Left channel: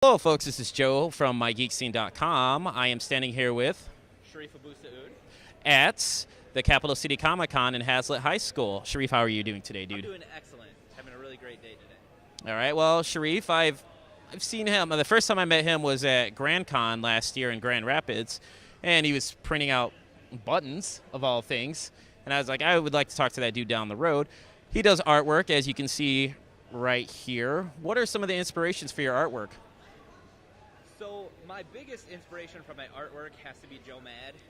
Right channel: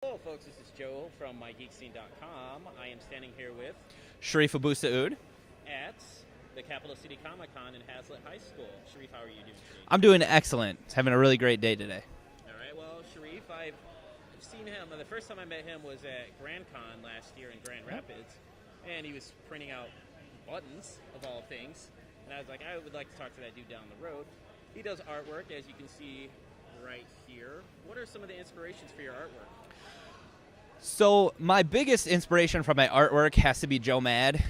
Hello, folks. This is Joe from MIGeekScene.com. I am standing here with Sherief AbouElSeoud at the Capital City Comic Con in Hazlitt High School. Sherief, how are you doing today, dude? I'm doing excellent. Having a really great day today. All right. Well, Sherief, I've seen him. The first time I met him was at Grand Con last year in Grand Rapids, and he was printing out buttons, of all things. And I was like, I would like to talk to that dude down the road. He does artwork, as you can see right here. What are some of the inspirations for your artwork? So my biggest inspiration from my artwork has to be Joe Mad.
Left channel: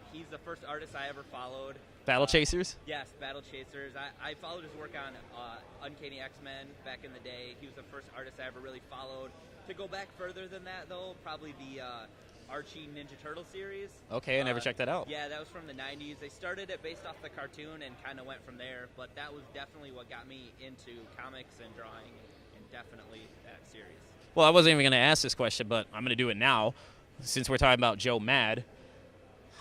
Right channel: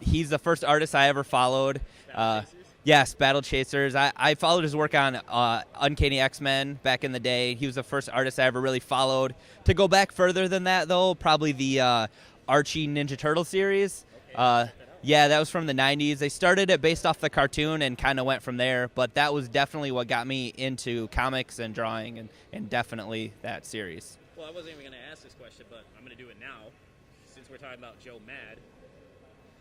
He's the first artist I ever followed. Battle Chasers? Yes, Battle Chasers. I followed his work on Uncanny X-Men back in the day. He was the first artist I ever really followed. To go back further than that, though, probably the Archie Ninja Turtle series. Okay, I never checked that out. Yeah, that was from the 90s. They started it based off the cartoon and kind of went from there, but that was definitely what got me into comics and drawing, and definitely that series. Well, I wasn't even going to ask this question, but I'm going to do it now. Since we're talking about Joe Mad,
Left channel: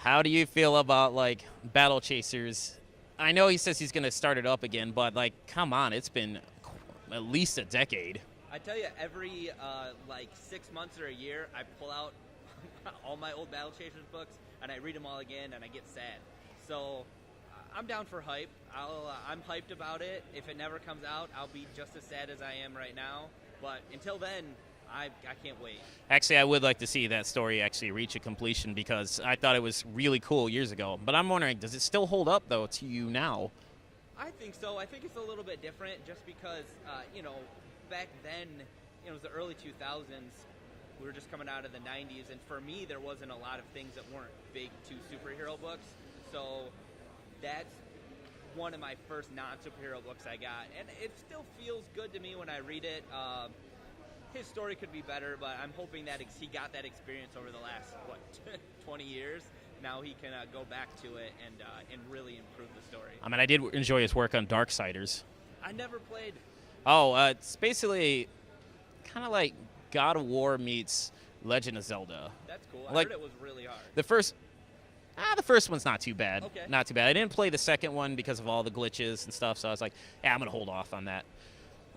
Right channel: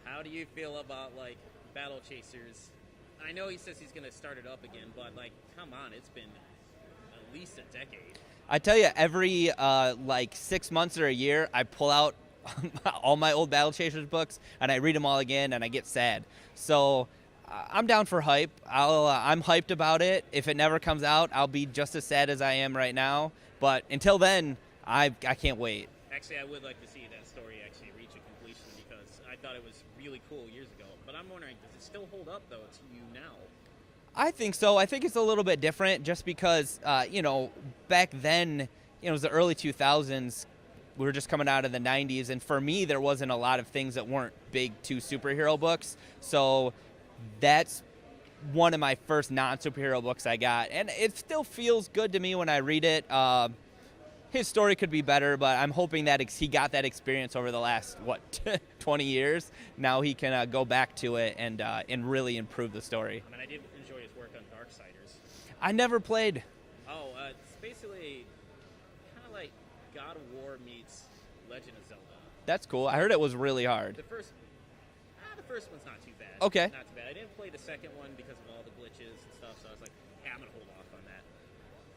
how do you feel about, like, Battle Chasers? I know he says he's going to start it up again, but, like, come on, it's been at least a decade. I tell you, every, 6 months or a year, I pull out all my old Battle Chasers books, and I read them all again, and I get sad. So I'm down for hype. I'm hyped about it. If it never comes out, I'll be just as sad as I am right now. But until then, I can't wait. Actually, I would like to see that story actually reach a completion because I thought it was really cool years ago. But I'm wondering, does it still hold up, though, to you now? I think so. I think it's a little bit different just because, back then, it was the early 2000s. We were just coming out of the 90s, and for me, there wasn't a lot of things that weren't big two superhero books. So that's one of my first non-superhero books I got, and it still feels good to me when I read it. His story could be better, but I'm hoping that he got that experience over the last, 20 years. Now he can go back to it and really improve the story. I mean, I did enjoy his work on Darksiders. I never played. Oh, it's basically kind of like God of War meets Legend of Zelda. That's cool. I heard it was really hard. The first one's not too bad. Okay. Not too bad. I didn't play the second one because of all the glitches and stuff, so I was like, yeah, I'm going to hold off on that.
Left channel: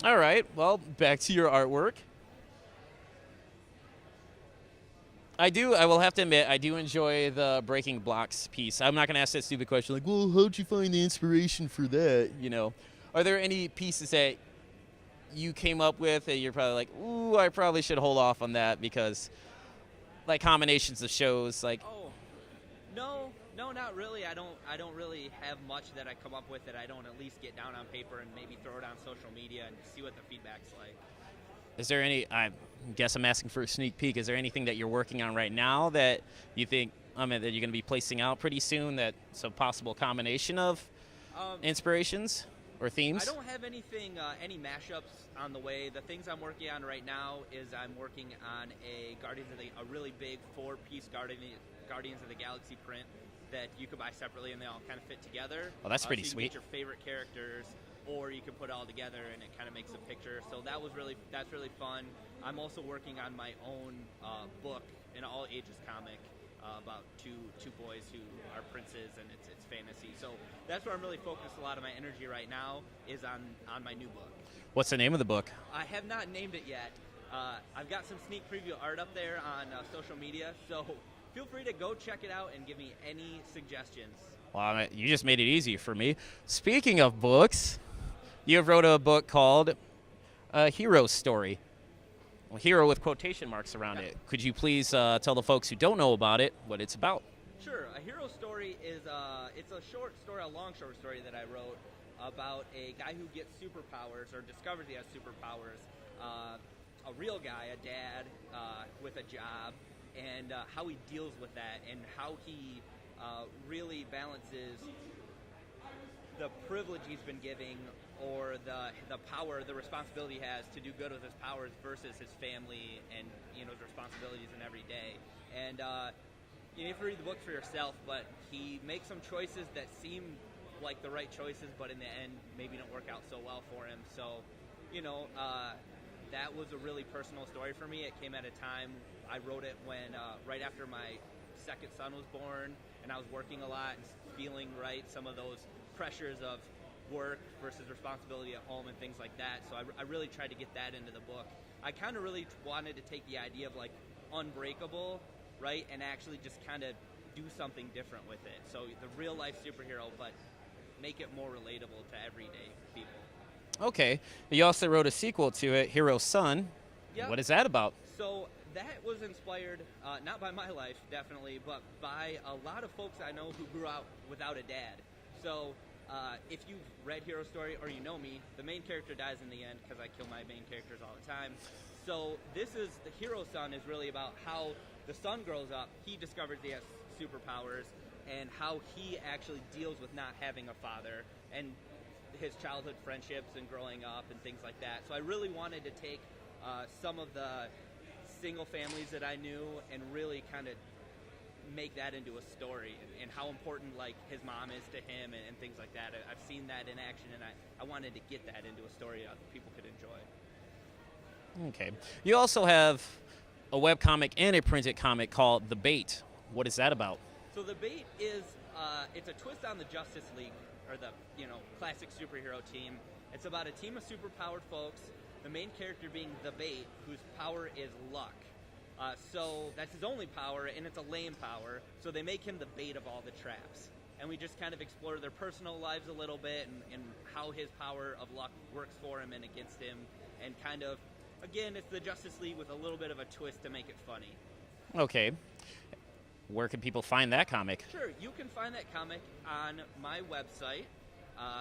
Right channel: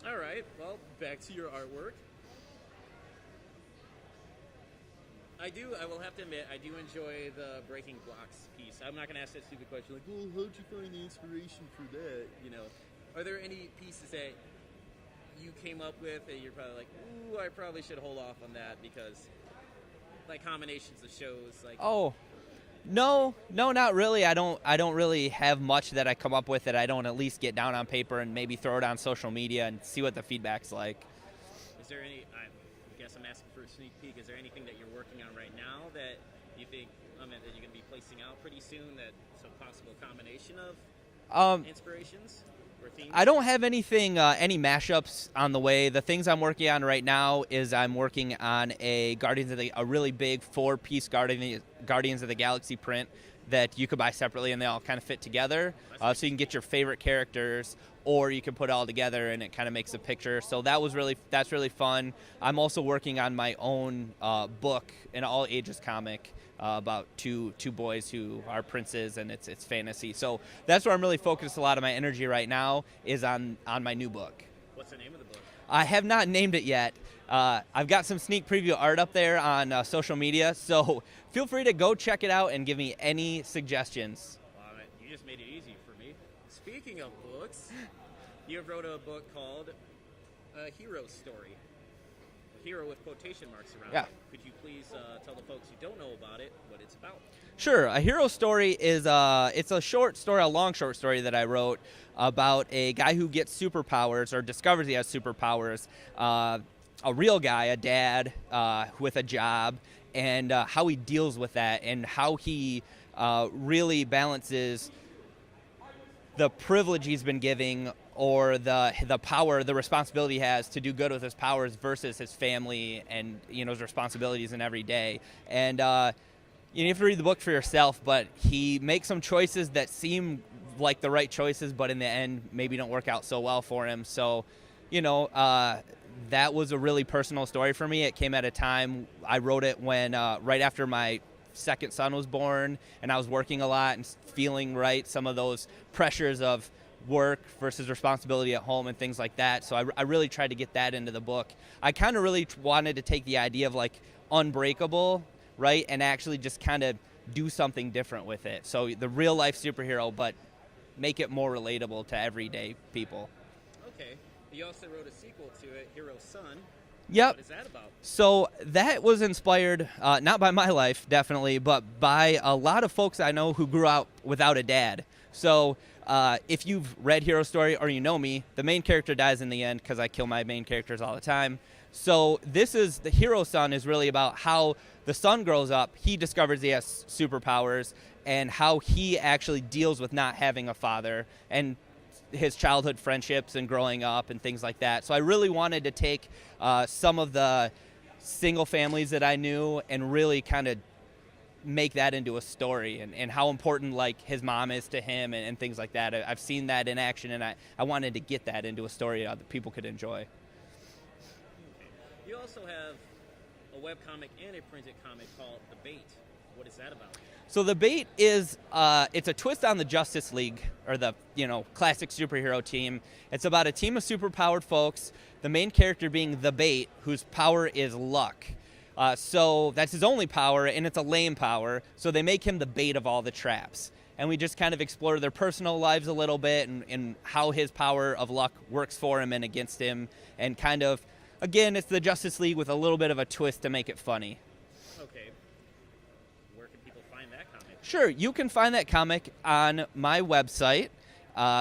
All right, well, back to your artwork. I will have to admit, I do enjoy the breaking blocks piece. I'm not going to ask that stupid question like, well, how'd you find the inspiration for that, Are there any pieces that you came up with that you're probably like, ooh, I probably should hold off on that because, like, combinations of shows, like... Oh, no, not really. I don't really have much that I come up with that I don't at least get down on paper and maybe throw it on social media and see what the feedback's like. Is there any, I guess I'm asking for a sneak peek, is there anything that you're working on right now that you think, that you're going to be placing out pretty soon that's a possible combination of inspirations or themes? I don't have anything, any mashups on the way. The things I'm working on right now is I'm working on a really big 4-piece Guardians of the Galaxy print that you could buy separately and they all kind of fit together. Oh, that's so pretty you can sweet. Get your favorite characters, or you can put it all together and it kind of makes a picture. So that's really fun. I'm also working on my own book, an all ages comic about two boys who are princes, and it's fantasy. So that's where I'm really focused. A lot of my energy right now is on my new book. What's the name of the book? I have not named it yet. I've got some sneak preview art up there on social media, so feel free to go check it out and give me any suggestions. Well, you just made it easy for me. Speaking of books, you wrote a book called A Hero Story. Well, hero with quotation marks around it. Could you please tell the folks who don't know about it what it's about? Sure. A Hero Story is it's a short story, a long short story that I wrote about a guy who gets superpowers or discovers he has superpowers, a real guy, a dad with a job, and how he deals with that and how he really balances the privilege he's been giving or the power, the responsibility he has to do good with his powers versus his family and his responsibilities in every day. And you have to read the book for yourself, but he makes some choices that seem like the right choices, but in the end maybe don't work out so well for him. So, that was a really personal story for me. It came at a time, I wrote it when right after my second son was born, and I was working a lot and feeling some of those pressures of work versus responsibility at home and things like that. So I really tried to get that into the book. I kind of really wanted to take the idea of like unbreakable, right, and actually just kind of do something different with it. So the real life superhero, but make it more relatable to everyday people. Okay. You also wrote a sequel to it, Hero's Son. Yep. What is that about? So that was inspired, not by my life, definitely, but by a lot of folks I know who grew up without a dad. So if you've read Hero Story or you know me, the main character dies in the end because I kill my main characters all the time. So this is, the Hero Son is really about how the son grows up, he discovers he has superpowers, and how he actually deals with not having a father, and his childhood friendships and growing up and things like that. So I really wanted to take some of the single families that I knew and really kind of make that into a story, and how important like his mom is to him and things like that. I've seen that in action, and I wanted to get that into a story that people could enjoy. Okay. You also have a webcomic and a printed comic called The Bait. What is that about? So The Bait is it's a twist on the Justice League, or the classic superhero team. It's about a team of superpowered folks, the main character being The Bait, whose power is luck. So that's his only power, and it's a lame power, so they make him the bait of all the traps. And we just kind of explore their personal lives a little bit, and how his power of luck works for him and against him, and kind of, again, it's the Justice League with a little bit of a twist to make it funny. Okay. Where can people find that comic? Sure, you can find that comic on my website,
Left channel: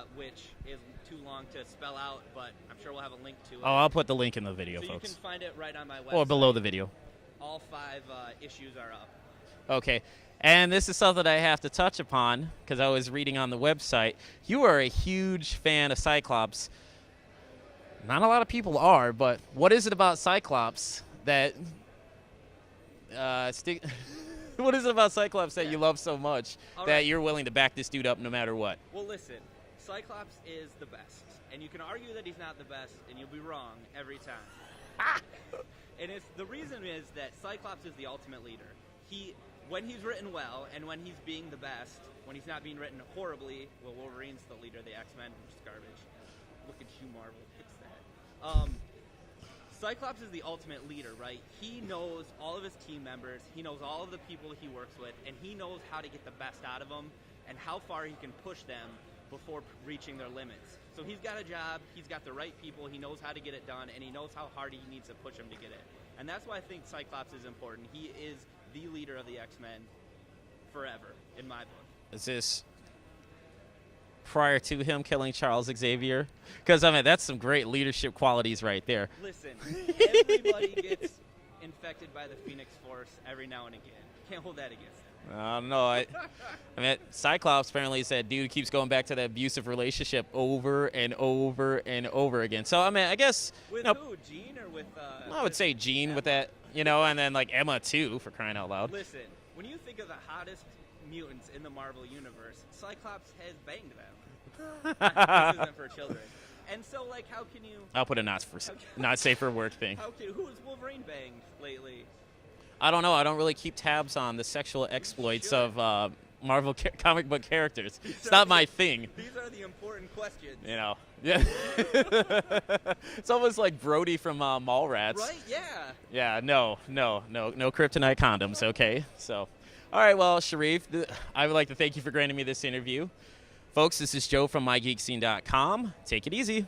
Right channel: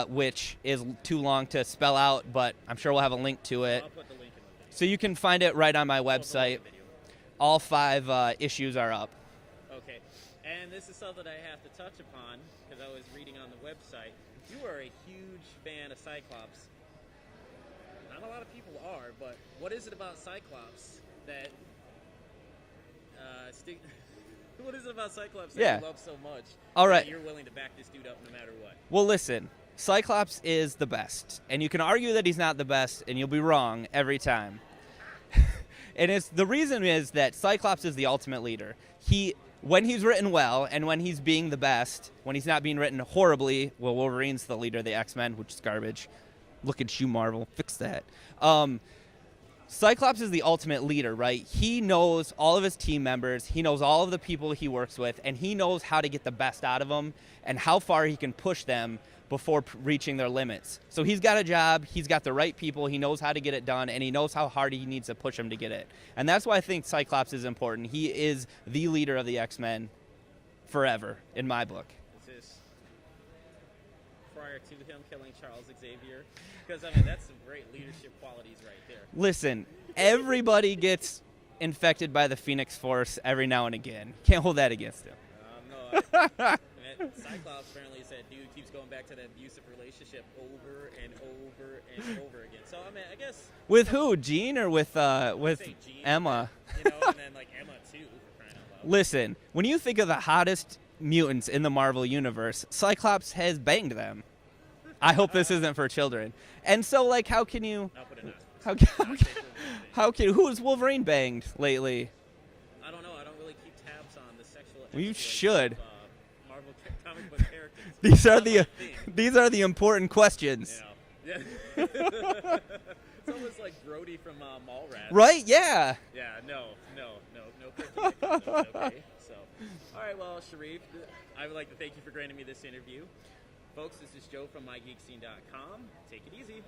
which is too long to spell out, but I'm sure we'll have a link to it. Oh, I'll put the link in the video. So you can find it right on my website. Or below the video. All 5 issues are up. Okay. And this is something I have to touch upon because I was reading on the website. You are a huge fan of Cyclops. Not a lot of people are, but what is it about Cyclops that what is it about Cyclops that you love so much that you're willing to back this dude up no matter what? Well, listen, Cyclops is the best, and you can argue that he's not the best, and you'll be wrong every time. And the reason is that Cyclops is the ultimate leader. When he's written well, and when he's being the best, when he's not being written horribly, well, Wolverine's the leader of the X-Men, which is garbage. Look at you, Marvel. Fix that. Cyclops is the ultimate leader, right? He knows all of his team members. He knows all of the people he works with, and he knows how to get the best out of them and how far he can push them before reaching their limits. So he's got a job, he's got the right people, he knows how to get it done, and he knows how hard he needs to push them to get it. And that's why I think Cyclops is important. He is the leader of the X-Men forever, in my book. Is this prior to him killing Charles Xavier? Because, I mean, that's some great leadership qualities right there. Listen, everybody gets infected by the Phoenix Force every now and again. Can't hold that against him. I don't know. I mean, Cyclops apparently said dude keeps going back to that abusive relationship over and over and over again. So, I mean, I guess... With who? Jean or with I would say Jean Emma. With that, and then, like, Emma, too, for crying out loud. Listen, when you think of the hottest mutants in the Marvel Universe, Cyclops has banged them. I hope this isn't for children. And so, like, how can you... I'll put a not safe for work thing. Who has Wolverine banged lately? I don't know. I don't really keep tabs on the sexual exploits of Marvel comic book characters. These are not my thing. These are the important questions. Yeah. It's almost like Brody from Mallrats. Right? Yeah. Yeah. No kryptonite condoms. Okay. So, all right. Well, Sherief, I would like to thank you for granting me this interview. Folks, this is Joe from MIGeekScene.com. Take it easy.